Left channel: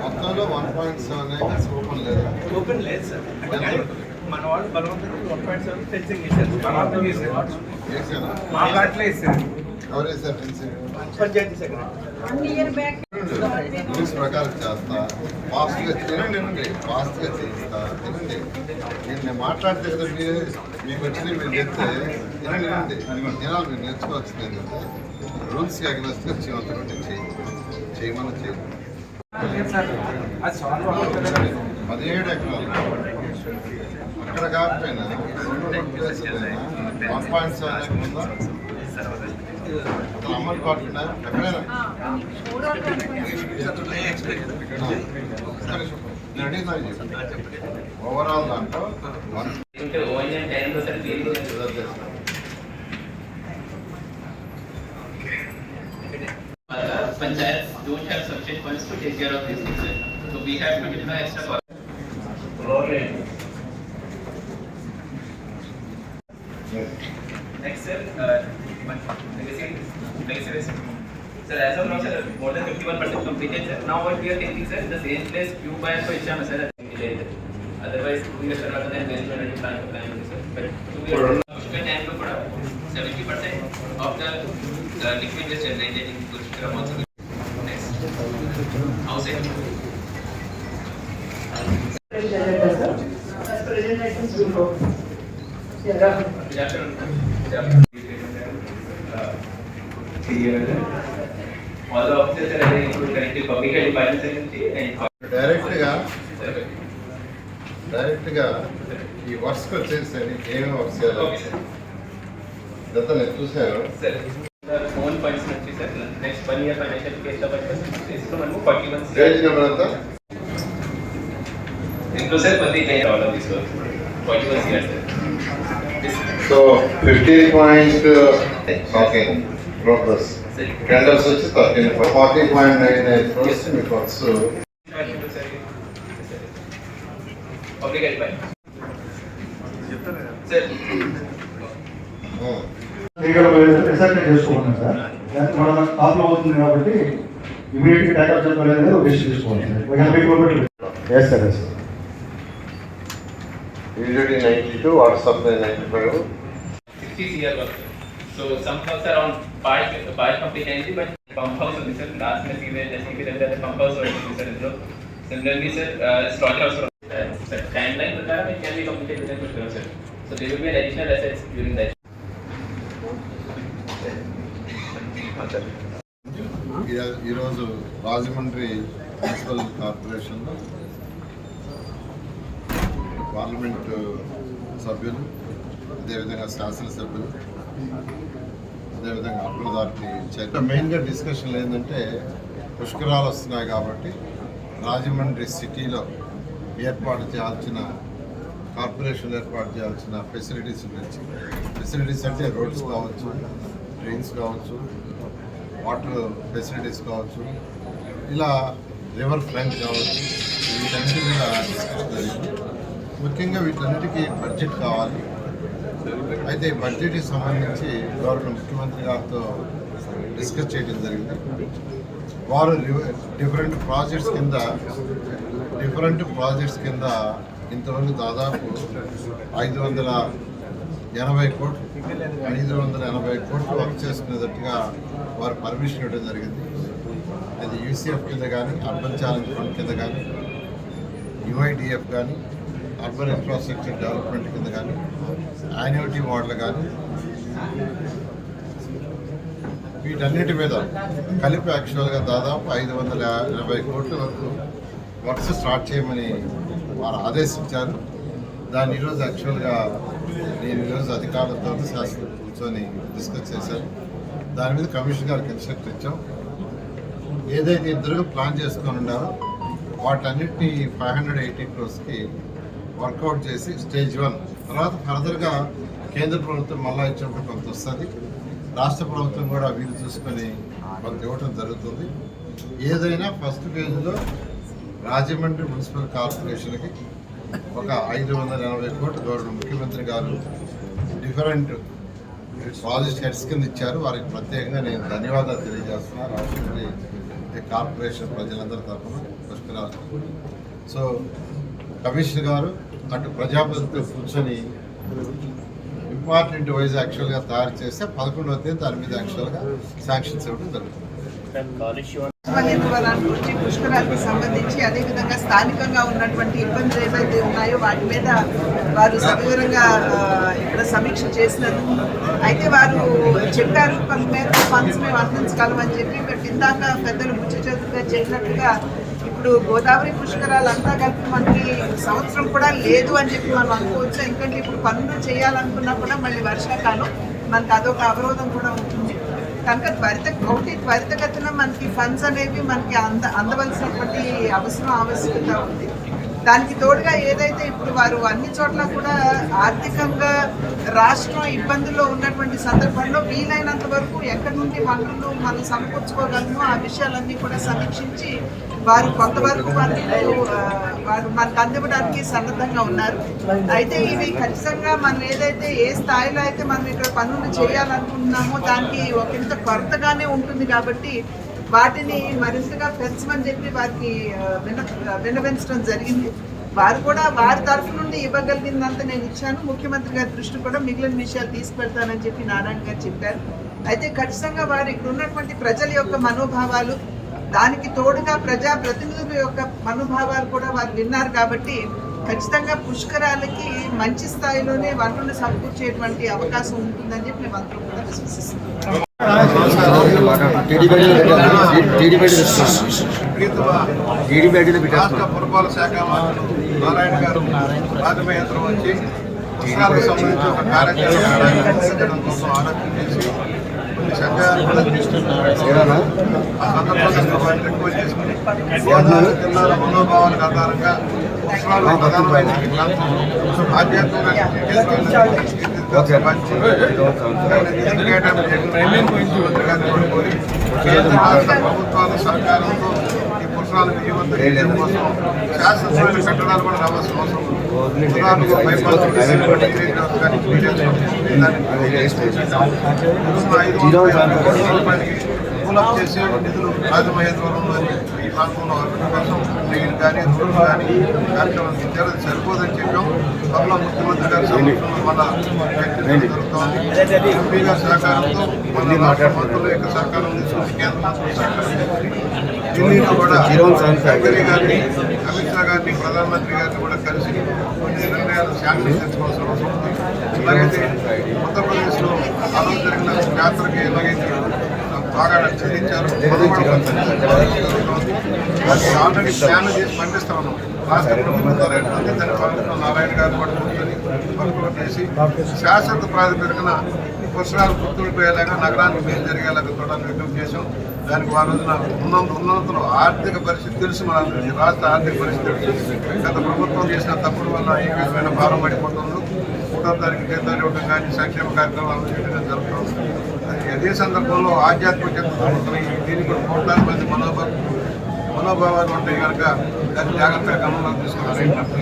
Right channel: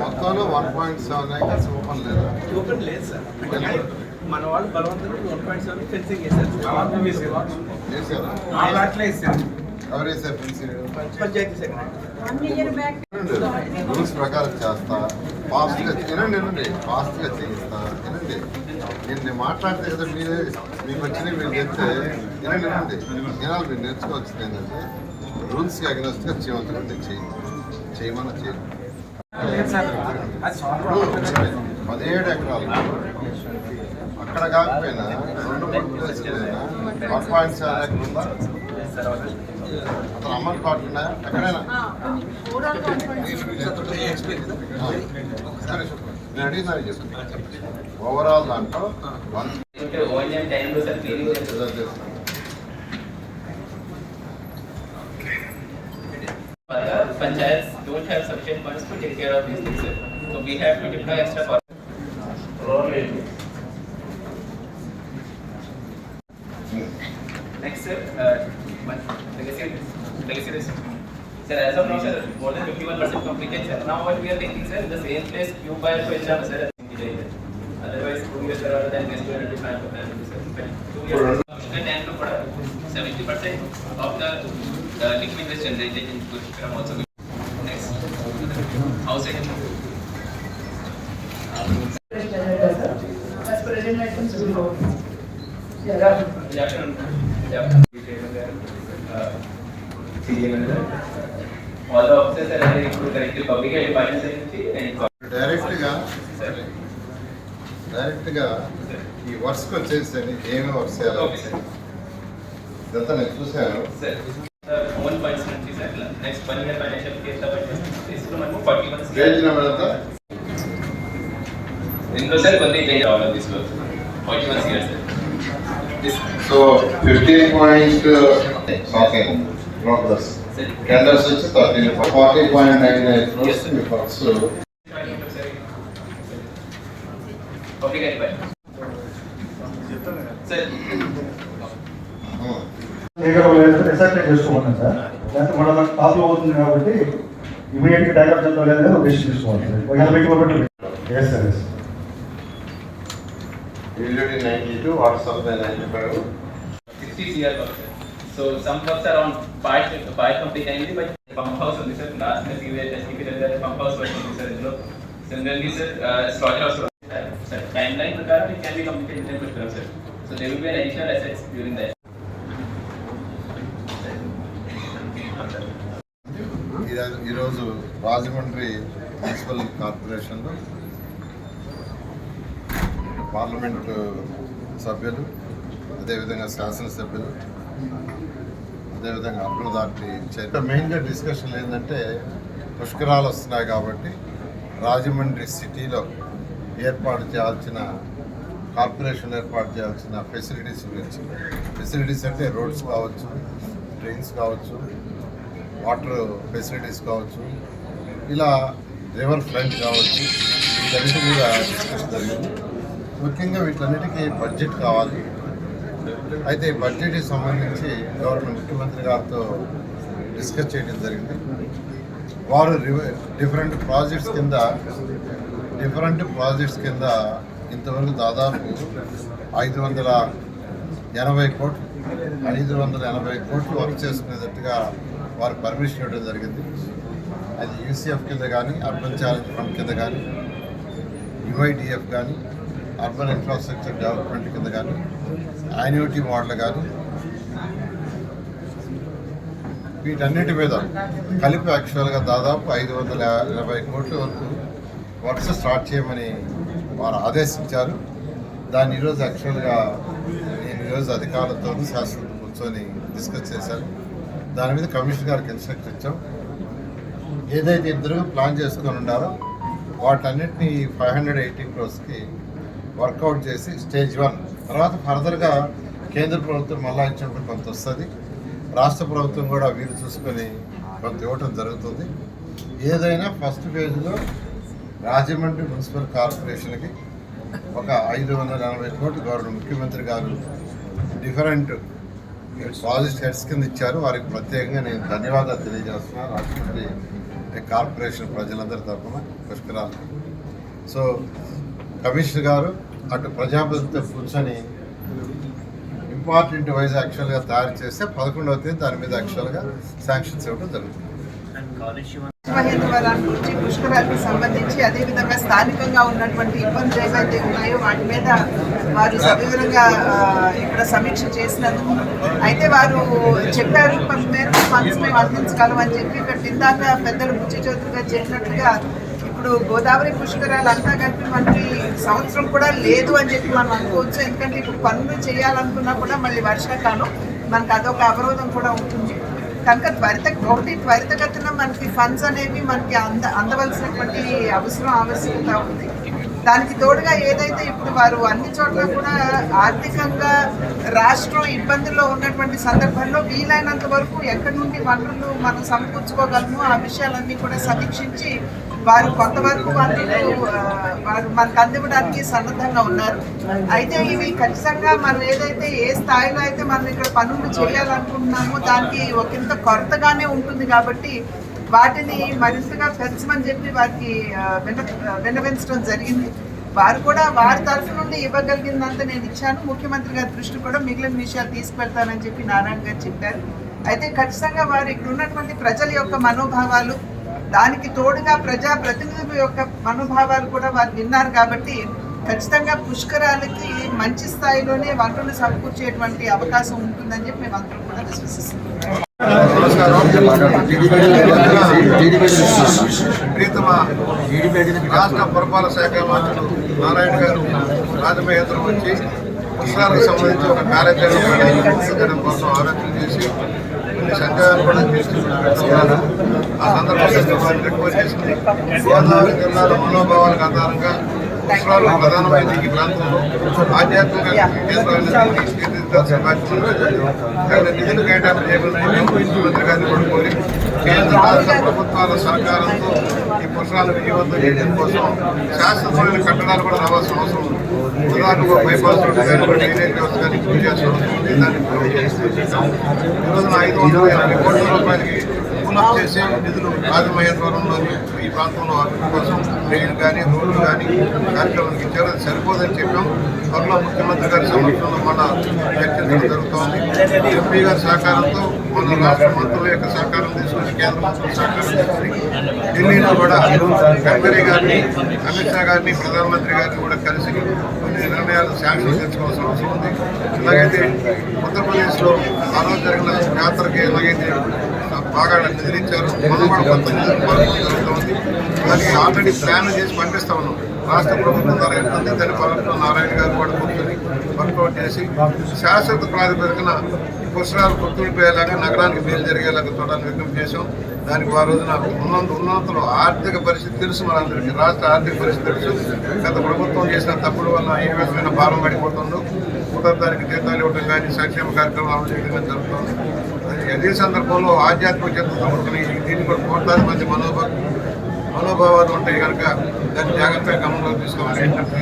మొత్తంలో 1.7 acres open లేదా? Open లేదు సార్. మన వాళ్ళు బలవంతంగా 1.7 ఫెన్సింగ్ వేశారు. ఎవరు వేసారు ఫెన్సింగ్? పంచాయతీ సెక్రటరీ రూల్స్ ప్రకారం చేస్తా, ఫాస్ట్గా వినండి, ఫాస్ట్గా చేయిస్తా. వినండి, నేను మాట్లాడితే కదా మీకు వచ్చింది మీరు చెప్తే వినాలి. మీరు నేర్చుకోవాల్సింది ఏంటంటే రూల్స్కి అగ్నెస్ట్గా చేయమంటారు. నేను చేయమన్నా చేయాలి. 17 ఎకరాలు అక్కడ కాకపోయినా 2-3 ప్లేసులైనా 1.7 ఎకరం ఉందా? అతను అమౌంట్ పడుతున్నాయా ఎక్కడైనా? నేను అడిగినాను చెప్పి ఓవరాల్ దాంట్లో Panchayats don't have sufficient funds to take care of these things, sir. So we have to deploy extra funds. Next, sir, legacy. Sir, as of now, sir, more than 51% completed, sir. Now what we are taking, sir, the same place Q by for exam, sir. Otherwise, 2 years around then next year plan for family, sir. 2 years. Mushkil time to put 70% of the liquid waste generated in Kuchikram also. Next, house it. As present items before. All the officers are included connected public health department and డైరెక్ట్గా ఈ వర్క్స్కి వచ్చేసి ఏమేమి works చేయాలి ఇదంతా నేను చూసాను. Own funds నుంచి sir next 1 year financial case కాబట్టి తీసుకున్నాము 41 పేజ్ నెంబర్ ఎంత? ఇంక్లూడ్ సార్ కంప్లీట్ అయ్యారు all of this work 41 years. So 15 okay progress candles వచ్చి 40.98 క్రోర్స్ మీ వర్క్స్ పబ్లిక్ అయిపోయి సార్ చేసుకోవాలి సార్. మన ప్రాబ్లం అవుతుంది కాబట్టి ఇమీడియట్ గా ట్యాకల్ చేసుకోవాలి. ఒక డిసిషన్ తీసుకోవాలి. usually 92 or something 95. 60 CR work, sir. So some works around part complete aindi, but pump house only, sir. Last year CP the pump house work only, sir. So similarly, sir, slaughter house, sir. Timeline prakaram it can be completed within 12 months, sir. So there will be additional assets during that. ఈరోజు Rajahmundry municipal కార్పొరేషన్లో parliament సభ్యులు, అదేవిధంగా శాసనసభ్యులు, అదేవిధంగా urban authority chairman మెయిన్గా డిస్కషన్లు ఏంటంటే పుష్కరాలు వస్తున్నాయి కాబట్టి రాజమండ్రి సిటీలో ఏర్పాటు చేయాల్సిన కార్పొరేషన్ ఏర్పాటు చేయాల్సిన ఫెసిలిటీస్ గురించి. ఫెసిలిటీస్ అంటే రోడ్స్ కావచ్చు, ట్రైన్స్ కావచ్చు, వాటర్ ఫెసిలిటీస్ కావచ్చు, ఇలా రివర్ ఫ్రంట్ కావచ్చు, వీటన్నిటి మీద డిస్కషన్ జరిగింది. ముఖ్యంగా వీటన్నిటికీ బడ్జెట్ కావాలి. అయితే బడ్జెట్కి సంబంధించి గవర్నర్ ముఖ్యమంత్రి గారితో డిస్కస్ చేయడం జరిగింది. వారు డిఫరెంట్ ప్రాజెక్ట్స్ కింద ఇంతవరకు దాదాపు 580 కోట్లు వర్క్ చేసుకునేటట్టుగా వారు పర్మిషన్ ఇవ్వడం జరిగింది. అది యూసీఎఫ్ కింద కానీ, అర్బన్ ఛాలెంజ్ ఫండ్ కింద కానీ, యుఐడిఎఫ్ కానీ, అర్బన్ ఇన్ఫ్రాస్ట్రక్చర్ డెవలప్మెంట్ కింద కానీ, యాన్యుటీ మోడల్ కానీ, వీటన్నిటి మీద కలిపి యాక్చువల్గా దాదాపు 580 కోట్ల వరకు వర్క్స్ స్టార్ట్ చేయమని వారు ఆదేశించారు. దాన్ని ఈరోజు యాక్చువల్గా నేను ఈరోజు అధికారులతో శాసనసభ కూర్చొని డిస్కస్ చేశాను. దాని మీద కమిషనర్ గారికి ఇన్స్ట్రక్షన్ ఇచ్చాం. ఏదైతే ఇద్దరు ప్లాన్ చేసుకొని ఉన్నారో వాటన్నిటిని 580 క్రోర్స్కి వర్కౌట్ చేసి స్టేజ్ 1 తర్వాత ఫర్దర్గా కేంద్ర ప్రభుత్వం మళ్ళా ఇచ్చినప్పుడు కొంత వస్తుంది. రాష్ట్ర ప్రభుత్వం కూడా వీలు చూసుకొని కొంత ఇవ్వటం జరుగుతుంది. ఏదైనా ఫస్ట్ ఫేజ్లో రాజమండ్రి మున్సిపల్ కార్పొరేషన్కి ఒక 580 కోట్లు గౌరవ ముఖ్యమంత్రి గారు డిఫరెంట్ ప్రాజెక్ట్ హెడ్స్ కింద ఇచ్చారు. వారికి ప్రత్యేకంగా నేను ధన్యవాదాలు తెలియజేస్తున్నాను రాజమండ్రి కార్పొరేషన్ ప్రజలందరి తరఫున పుష్కరాలు. సో కమిషనర్ గారు అటు ప్రజాప్రతినిధులతో కూర్చొని ఇంపార్టెంట్ వైజ్ యాక్చువల్గా తయారు చేస్తే 11వ తేదీ దాని మీద యాక్చువల్గా శాంక్షన్స్ ఇవ్వడం జరుగుతుంది. మహేంద్రవరం నుంచి పుష్కరాలకు సంబంధించి అదేవిధంగా స్థానికంగా ఉన్నటువంటి ఇబ్బందులు ఏవైతే ఉన్నాయో వాటి మీద వారు సవివరంగా ఇక్కడ సమీక్ష చేసినందుకు అయితే వారు చెప్పారు కొంత మేరకు ఫండ్స్ మేము అందించగలం అని చెప్పి ఇక్కడ ఇందాక పెద్దలు బుచ్చి చౌదరిగా చేసినట్లుగా ఇప్పుడు గోదావరి పుష్కరాలు అంతా కలిపి మనకి సంవత్సరం కూడా లేదు అని చెప్పి మనం అనుకోవచ్చు. ఎందుకంటే ఇప్పుడు పనులు చేయాలనుకున్నా కూడా మళ్ళీ వర్షాకాలం మనకు అదొక అవరోధం కూడా ఉంటుంది కనుక త్వరితగతిన మనకి ఫండ్స్ అనేవి మనకి అందవలసినటువంటి ఆవశ్యకత ఉంది. దానికి తోడుగా ఏదైతే ఇప్పుడు వారు అన్ని చోట్ల కూడా ఆర్థికంగా రాష్ట్రం ఇబ్బందుల్లో ఉన్నటువంటి సందర్భంలో వీలైనంత వరకు ఎక్కడి నుండి వనరులు మనం సమకూర్చుకోగలము ఆ విషయాలన్నీ కూడా సమీక్షించి వారు కొంతవరకు వనరులు వారు మనకు అందివ్వడానికి సన్నద్ధంగా ఉన్నారు. అయితే ఇవి ఖచ్చితంగా మనం ఏదైతే ఏ స్థాయిలో అయితే మనం ఇక్కడ పనులు చేయాలనుకుంటున్నామో దానికి ఒకంత కొరతగానే ఉంటుంది కాబట్టి వాటిని మరింతగా పెంచమని చెప్పి వారికి విన్నవించడం జరిగింది. వారు కూడా వారి తరఫు నుండి ఇవ్వగలిగిందంతా నేను ఇచ్చాను. ముఖ్యమంత్రి గారి దృష్టి కూడా మిగిలిన విషయాలు తీసుకెళ్తానని చెప్పి నారాయణ గారు చెప్పారు. అయితే ఖచ్చితంగా వారు ఇక్కడ ఉన్నటువంటి ప్రజల యొక్క మనోభావాలు దానికి తోడుగా ప్రజాప్రతినిధుల యొక్క మనోభావాలు కూడా వారు విన్నారు కాబట్టి ఖచ్చితంగా పుష్కరాలకి మంచి స్థాయిలోనే వనరులు సమకూర్చేటువంటి అవకాశం ఉంటుందని చెప్పి మేము అందరం కూడా విశ్వసిస్తున్నాం. ప్రీతమ రాష్ట్ర పురపాలక శాఖ మంత్రులు నారాయణ గారు రాజమహేంద్రం వచ్చి పుష్కరాలకు సంబంధించి ఒక కార్యాచరణ ప్రణాళిక రూపొందించడం కోసం ఆలోచన చేసి కొన్ని సందేహాలు కూడా తీసుకున్నారు. ఆ సందర్భంగా వారిని రిక్వెస్ట్ చేసింది గోదావరి జిల్లాల మనోభావాలకు ఆధారంగా పుష్కరాలు ప్రధానమైన ఈ ప్రాంతంలో ఆధ్యాత్మిక కేంద్రాలను తీర్చిదిద్దాల్సిన బాధ్యత ఉంది. నిధులు కేటాయింపు చేయమని ముఖ్యమంత్రి గారిని కూడా కోరి కేంద్ర రాష్ట్ర ప్రభుత్వాల సహకారంతో ఈ పుష్కరాలను విజయవంతం చేయడం కోసం శాశ్వతమైన కట్టడాలు కూడా రావాల్సిన అవసరం ఉంది. ఉదాహరణకు బైపాస్ రోడ్డు కానీ డ్రైనేజ్ వ్యవస్థ కానీ పూజ చేయాల్సిన అవసరం ఉంది. దాన్ని ఈ రోజున 580 కోట్ల రూపాయలకి పూలప్ చేసి నిధులు రాజమహేంద్రవరంలోని ఈ ప్రాంతంలో అభివృద్ధి కోసం డ్రైన్ కానీ రోడ్లు కానీ కార్యక్రమానికి ఇచ్చారు. అది సరిపోదని చెప్పాం. త్వరలో ముఖ్యమంత్రి గారి సమక్షంలో మళ్ళా చర్చించడం జరుగుతోంది. ఎంపీ గారి సహకారంతో మన రాష్ట్ర మంత్రుల యొక్క సహకారం తీసుకుని కేంద్ర మంత్రుల సహకారం తీసుకుని ఢిల్లీలో కూడా గడ్కరీ గారిని అమిత్ షా గారిని ప్రధానమంత్రి గారిని కూడా కలిసి కొన్ని నిర్ణయాలు శాంక్షన్ తెచ్చుకోవాల్సిన అవసరం ఉంది. ఎలాగైతే ఉత్తరప్రదేశ్లో ఆ రోజు జరిగిన జాతరకి ఎలాగైతే బాగా నిధులిచ్చారు మనం కూడా కొంత నిధులు పథకం జరుగుతుంది. దానికి ఆల్రెడీ ప్లాన్ చేసి పంపిస్తా ఉన్నాం. రాష్ట్ర ప్రభుత్వం ద్వారా వెళ్తుంది. దాని పథకంలో నారాయణ గారు కూడా కూర్చొని వర్కౌట్ చేసి శాశ్వత ప్రాతిపదికన ఈ పుష్కరాలు గుర్తుండిపోయేలాగా నగరానికి మేలు జరిగేలాగా చూడాలని విజ్ఞప్తి చేశాం. దానికి ఆ రోజున ఉన్నంతలో ఆర్థిక పరిస్థితి తెలుసు మనందరికీ. రాష్ట్ర ఆర్థిక పరిస్థితి తెలుసు. గత ప్రభుత్వం చేసిన తప్పుల వల్ల ఏ విధమైన భారం పడిపోతుందో 3వ తారీఖు జీతాలు ఇవ్వడం కానీ సంక్షేమ కార్యక్రమం అమలు చేయడం కానీ జరుగుతుంది. అదే సందర్భంలో ఆధ్యాత్మిక చింతతో కూడుకుని దీన్ని కూడా కోట్లాది మంది మనోభావాలు ఉంటాయి కనుక దాన్ని జాగ్రత్తగా గమనంలోకి తీసుకోవాలని విజ్ఞప్తి